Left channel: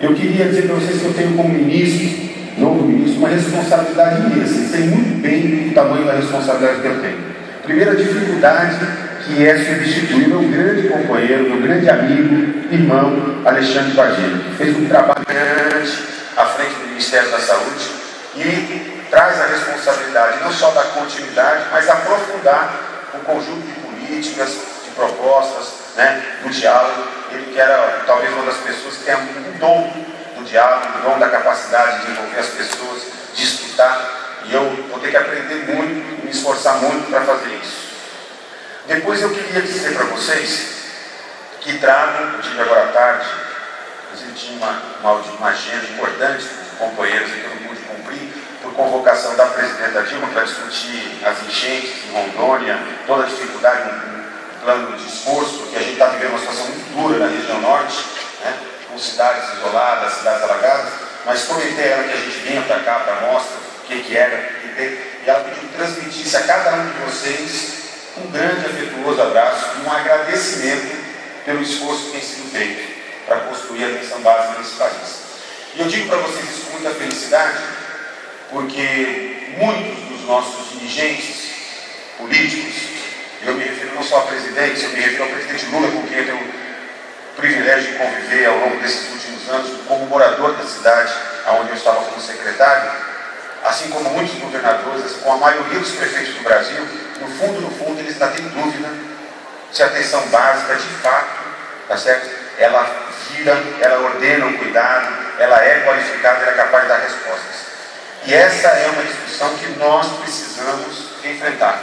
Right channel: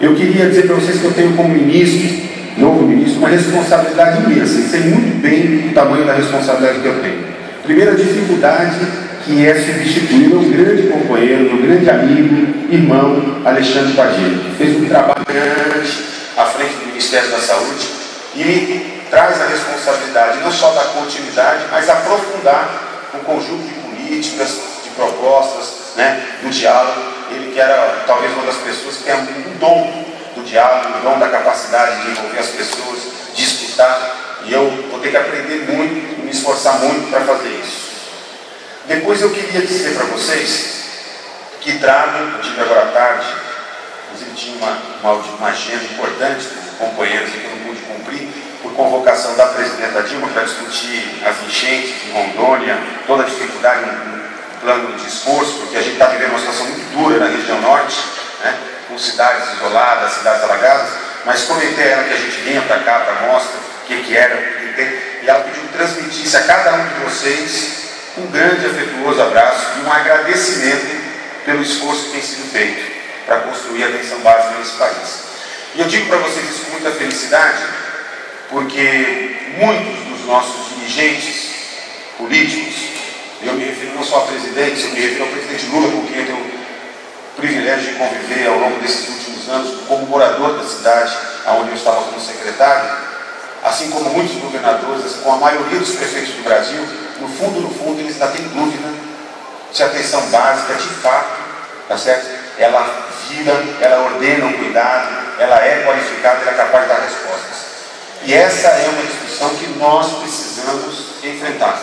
Eu queria dizer para vocês que eu tenho como ministro, novo ministro, uma responsabilidade imensa, e sei muito bem o tamanho da responsabilidade que eu tenho. Primeira dificuldade, que é substituir o meu grande companheiro, meu grande amigo, irmão, Alexandre Padilha, que fez um trabalho grande à frente do Ministério da Saúde e traz a responsabilidade não só da continuidade, mas aprofundar um conjunto de políticas, de propostas, do diálogo. Ele que era talvez uma das pessoas que tem um dom do diálogo, um dom da capacidade de envolver as pessoas, de escutar, e eu vou ter que aprender muito, me esforçar muito para fazer isso. Depois eu queria dizer para vocês que eu tive agora à tarde, inclusive tinha uma agenda importante com companheiros que eu não pude cumprir, por convocação da presidenta Dilma para discutir as enchentes em Rondônia, toda a dificuldade, um plano de esforço, porque a gente está vivendo uma situação muito dura na região norte, com cidades isoladas, cidades alagadas, mas prometei a ela que a gente vinha para cá para a mostra, o que era, e ela pediu que transmitisse a cada um de vocês um grande afetuoso abraço e um agradecimento pelo esforço que tem sido feito para construir a atenção básica nesse país. E eu digo para vocês isso com muita felicidade, porque muitos dos nossos dirigentes políticos, eu me refiro não só a presidentes, eu me refiro ao presidente Lula, com quem eu tenho o privilégio de conviver ao longo desses últimos anos, como morador da cidade, onde eu estava como secretário, assim como muitos governadores, assim como a maioria dos prefeitos do Brasil, no fundo, eles ainda têm dúvida se a atenção básica, de fato, tá certo? Ela ordena o cuidado, ela é qualificada, ela é capaz de dar respostas. E essa é uma discussão que nós precisamos enfrentar.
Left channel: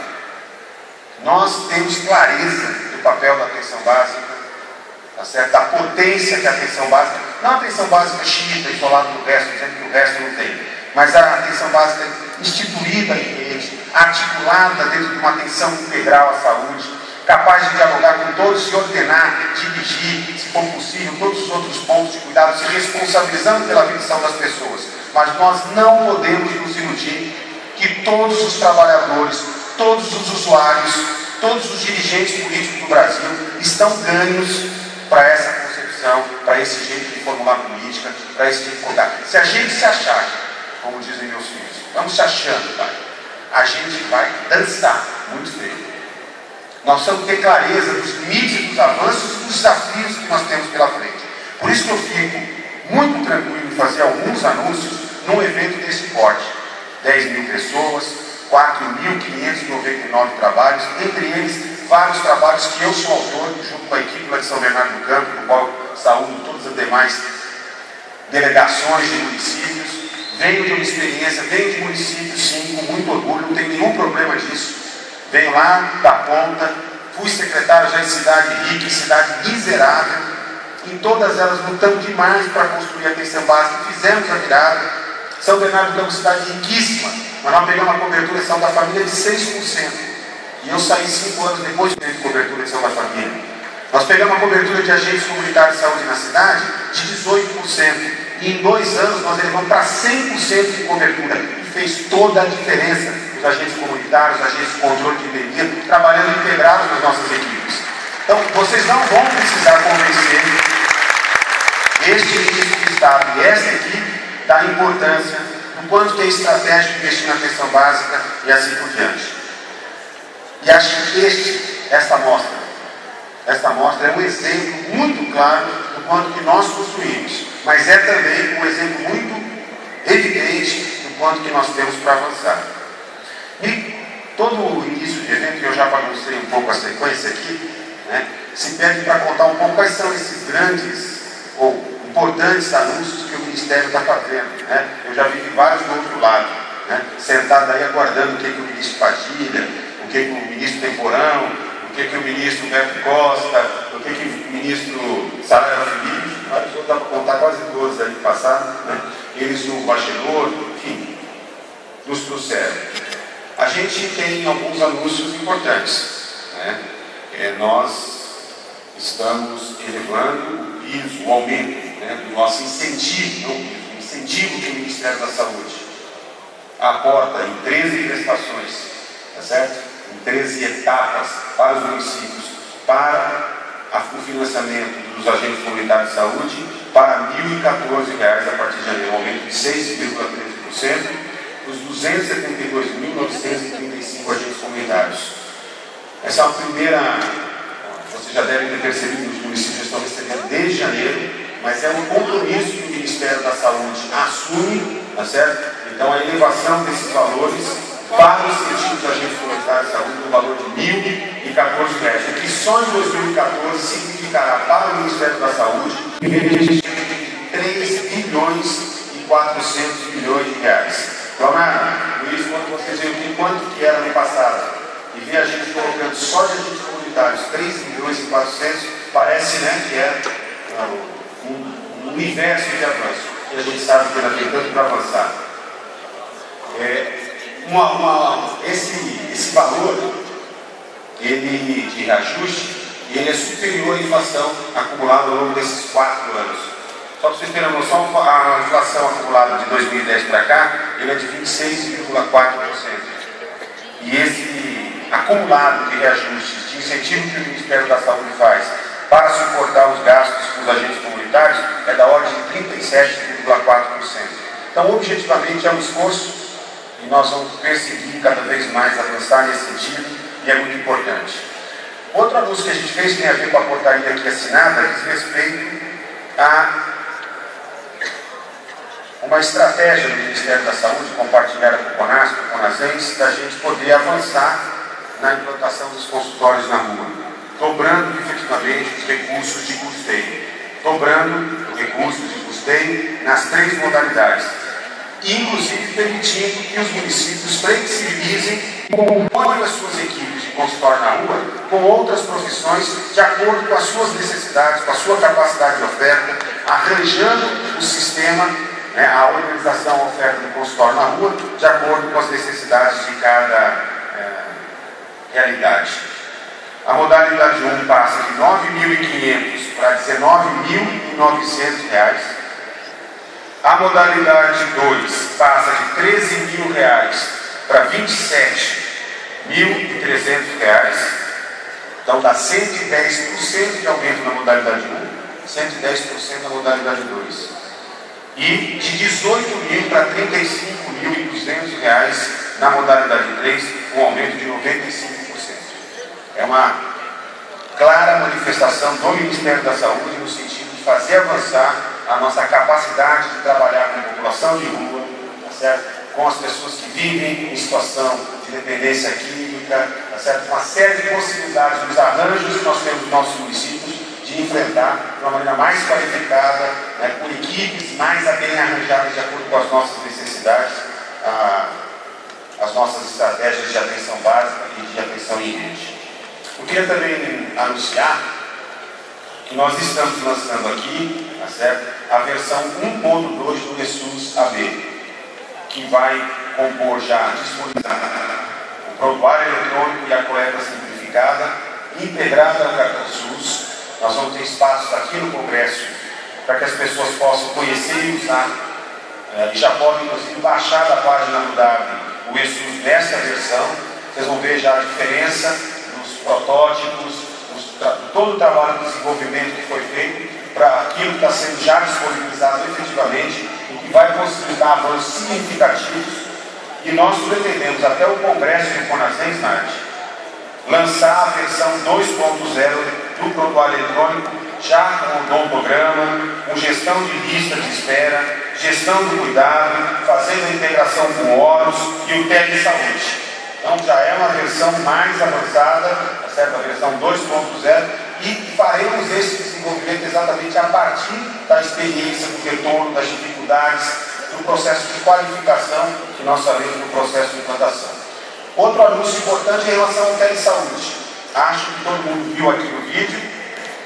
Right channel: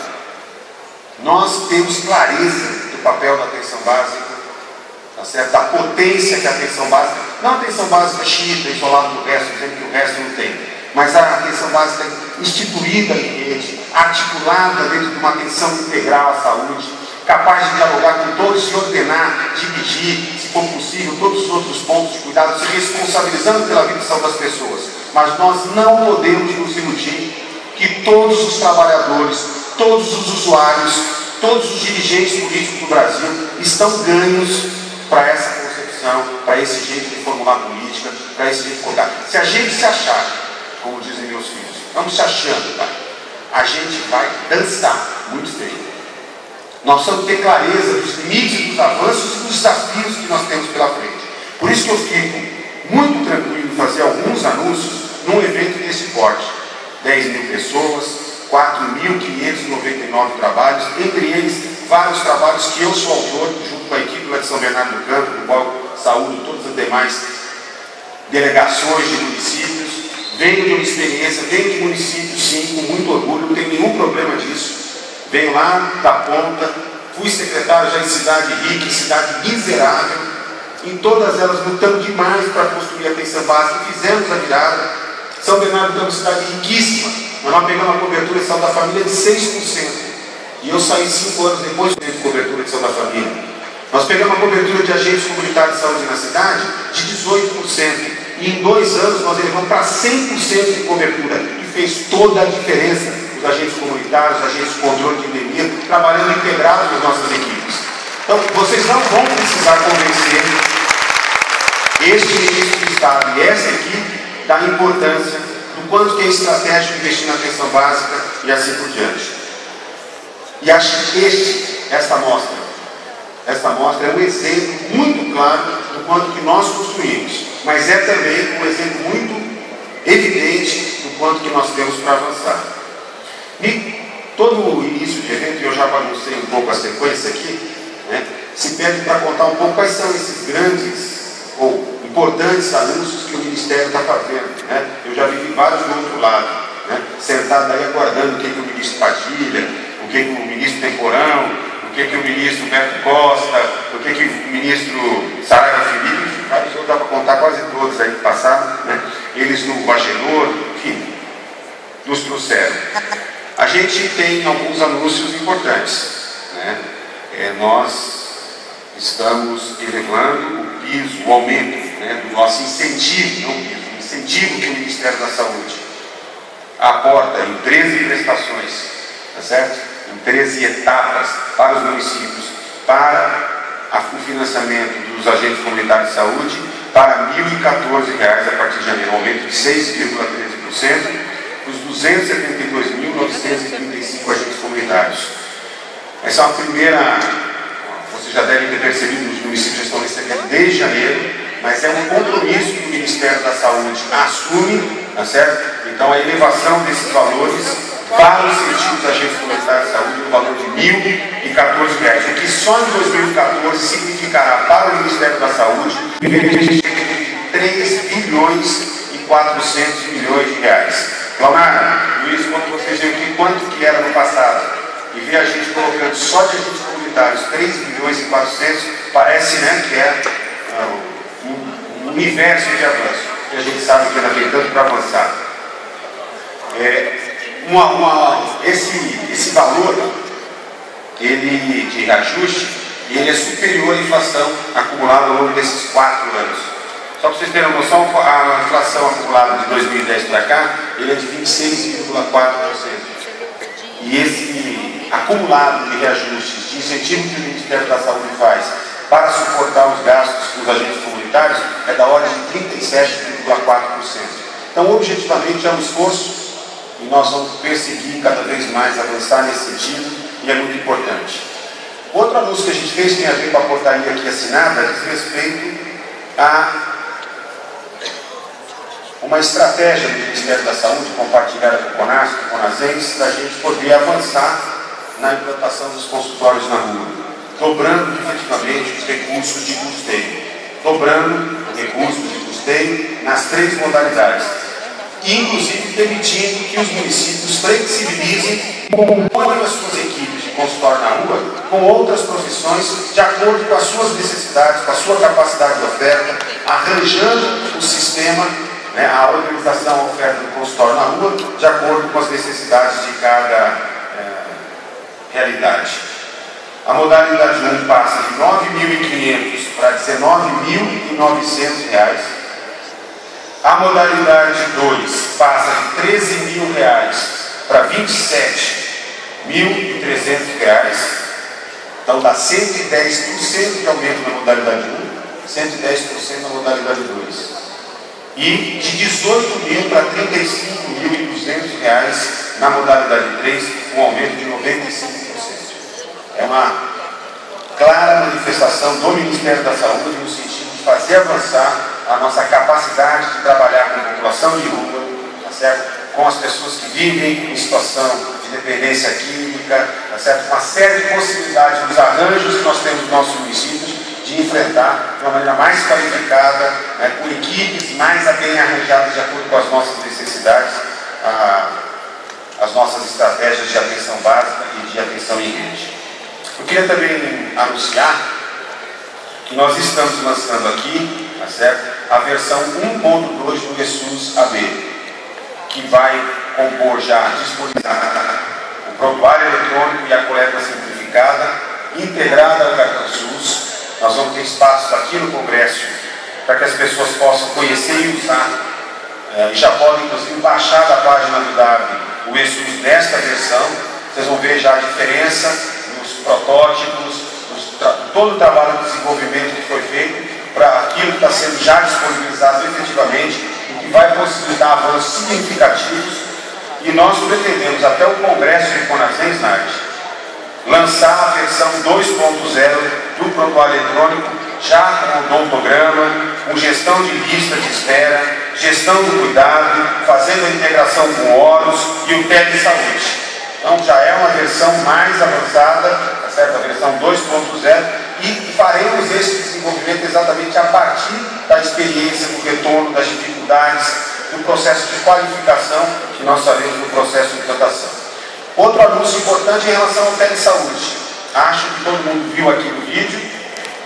Nós temos clareza do papel da atenção básica, tá certo? Da potência que a atenção básica, não a atenção básica xiita, isolada do resto, dizendo que o resto não tem, mas a atenção básica instituída em rede, articulada dentro de uma atenção integral à saúde, capaz de dialogar com todos, se ordenar, dirigir, se for possível, todos os outros pontos de cuidado, se responsabilizando pela vida e saúde das pessoas. Mas nós não podemos nos iludir que todos os trabalhadores, todos os usuários, todos os dirigentes políticos do Brasil estão ganhos para essa concepção, para esse jeito de formular política, para esse jeito de colocar. Se a gente se achar, como dizem meus filhos, vamos se achando, pai, a gente vai dançar muito feio. Nós precisamos ter clareza dos limites, dos avanços e dos desafios que nós temos pela frente. Por isso que eu fico muito tranquilo em fazer alguns anúncios num evento desse porte. 10 mil pessoas, 4.599 trabalhos, entre eles vários trabalhos que eu sou autor, junto com a equipe lá de São Bernardo do Campo, do qual saúdo todas as demais delegações de municípios. Venho de uma experiência, venho de municípios, sim, com muito orgulho, não tenho nenhum problema disso. Venho lá da ponta, fui secretário já em cidade rica, em cidade miserável, em todas elas lutando demais para construir a atenção básica, fizemos a virada. São Bernardo do Campo é uma cidade riquíssima, mas nós pegamos uma cobertura de saúde da família de 6%. E eu saí 5 anos depois de cobertura de saúde da família. Nós pegamos uma cobertura de agentes comunitários de saúde na cidade de 18%. E em 2 anos nós elevamos para 100% de cobertura. E fez toda a diferença. Os agentes comunitários, os agentes de controle de endemia, trabalhando integrados com as nossas equipes. Então, vocês não vão precisar convencer este ministro de Estado e essa equipe da importância do quanto que é estratégico investir na atenção básica e assim por diante. E acho que esta mostra é um exemplo muito claro do quanto que nós construímos, mas é também um exemplo muito evidente do quanto que nós temos para avançar. E todo o início de evento, eu já baguncei um pouco a sequência aqui, se pede para contar um pouco quais são esses grandes ou importantes anúncios que o Ministério está fazendo. Eu já vi vários do outro lado, sentado aí aguardando o que o ministro Padilha, o que o ministro Temporão, o que o ministro Beto Costa, o que o ministro Saraiva Felipe, vários outros, dá para contar quase todos aí que passaram, eles no Agenor, enfim, nos trouxeram. A gente tem alguns anúncios importantes. Nós estamos elevando o piso, o aumento do nosso incentivo, não o piso, o incentivo que o Ministério da Saúde aporta em 13 prestações, tá certo? Em 13 etapas para os municípios, para o financiamento dos agentes comunitários de saúde, para R$ 1.014 a partir de janeiro, um aumento de 6,13%, os 272.935 agentes comunitários. Essa é uma primeira, vocês já devem ter percebido, os municípios já estão recebendo desde janeiro, mas é um compromisso que o Ministério da Saúde assume, tá certo? Então a elevação desses valores para o incentivo dos agentes comunitários de saúde no valor de R$ 1.014, e que só em 2014 significará para o Ministério da Saúde 3 bilhões e 400 milhões de reais. Leonardo, Luiz, quando vocês veem aqui quanto que era no passado e vê a gente colocando só de agentes comunitários 3 bilhões e 400, parece, né, que é um universo de avanço, que a gente sabe que ainda tem tanto para avançar. Esse valor ele, de reajuste, ele é superior à inflação acumulada ao longo desses 4 anos. Só para vocês terem uma noção, a inflação acumulada de 2010 para cá, ele é de 26,4%. E esse acumulado de reajustes, de incentivo que o Ministério da Saúde faz para suportar os gastos dos agentes comunitários, é da ordem de 37,4%. Então, objetivamente, é um esforço e nós vamos perseguir cada vez mais avançar nesse sentido, e é muito importante. Outro anúncio que a gente fez tem a ver com a portaria aqui assinada, diz respeito a uma estratégia do Ministério da Saúde, compartilhada com o CONAS, com o CONASENS, da gente poder avançar na implantação dos consultórios na rua, dobrando efetivamente os recursos de custeio, dobrando os recursos de custeio nas 3 modalidades, inclusive permitindo que os municípios flexibilizem e componham as suas equipes de consultório na rua com outras profissões de acordo com as suas necessidades, com a sua capacidade de oferta, arranjando o sistema, a organização, a oferta do consultório na rua, de acordo com as necessidades de cada realidade. A modalidade 1 passa de R$ 9.500 para R$ 19.900. A modalidade 2 passa de R$ 13.000 para R$ 27.300. Então dá 110% de aumento na modalidade 1, 110% na modalidade 2. E de R$ 18.000 para R$ 35.200 na modalidade 3, um aumento de 95%. É uma clara manifestação do Ministério da Saúde no sentido de fazer avançar a nossa capacidade de trabalhar com a população de rua, tá certo? Com as pessoas que vivem em situação de dependência química, tá certo? Uma série de possibilidades nos arranjos que nós temos nos nossos municípios de enfrentar de uma maneira mais qualificada, com equipes mais bem arranjadas de acordo com as nossas necessidades, as nossas estratégias de atenção básica e de atenção em rede. Eu queria também anunciar que nós estamos lançando aqui, tá certo, a versão 1.2 do ESUS AB, que vai compor já, disponibilizar o prontuário eletrônico e a coleta simplificada, integrada ao cartão SUS. Nós vamos ter espaços aqui no Congresso para que as pessoas possam conhecer e usar, e já podem, inclusive, baixar da página do DAB o ESUS nesta versão. Vocês vão ver já a diferença nos protótipos, todo o trabalho de desenvolvimento que foi feito para aquilo que está sendo já disponibilizado efetivamente, o que vai possibilitar avanços significativos. E nós pretendemos, até o Congresso de CONASENS, lançar a versão 2.0 do prontuário eletrônico, já com o odontograma, com gestão de lista de espera, gestão do cuidado, fazendo a integração com o órgãos e o telesaúde. Então já é uma versão mais avançada, tá certo? A versão 2.0, e faremos esse desenvolvimento exatamente a partir da experiência, do retorno, das dificuldades, do processo de qualificação que nós faremos no processo de implantação. Outro anúncio importante em relação ao telesaúde. Acho que todo mundo viu aqui no vídeo,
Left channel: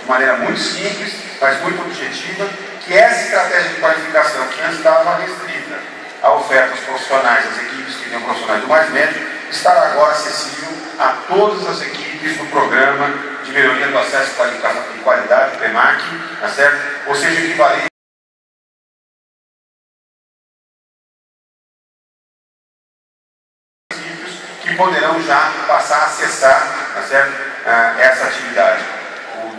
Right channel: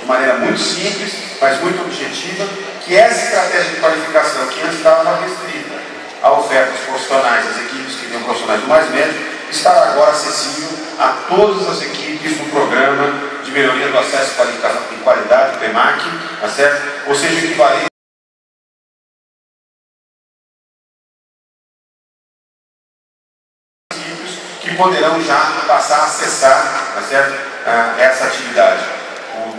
de maneira muito simples, mas muito objetiva, que essa estratégia de qualificação que antes estava restrita à oferta dos profissionais, as equipes que tinham profissionais do mais médio, estará agora acessível a todas as equipes do programa de melhoria do acesso e qualidade, PEMAC, tá certo? Ou seja, equivalente que poderão já passar a acessar, tá certo? Essa atividade.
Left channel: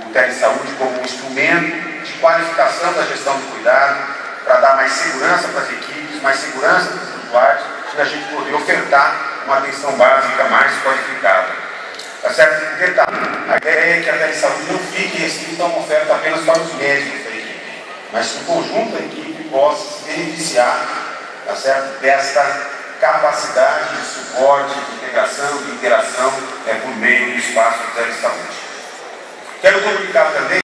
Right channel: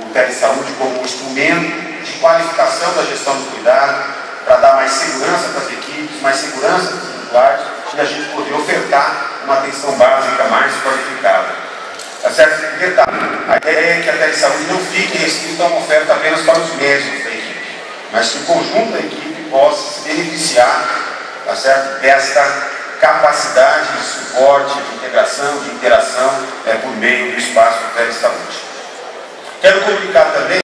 O telesaúde como um instrumento de qualificação da gestão do cuidado, para dar mais segurança para as equipes, mais segurança para os usuários, e a gente poder ofertar uma atenção básica mais qualificada. Tá certo? Detalhe, a ideia é que a telesaúde não fique restrita a uma oferta apenas para os médicos da equipe, mas que o conjunto da equipe possa se beneficiar, tá certo, desta capacidade de suporte, de integração, de interação por meio do espaço da telesaúde. Quero comunicar também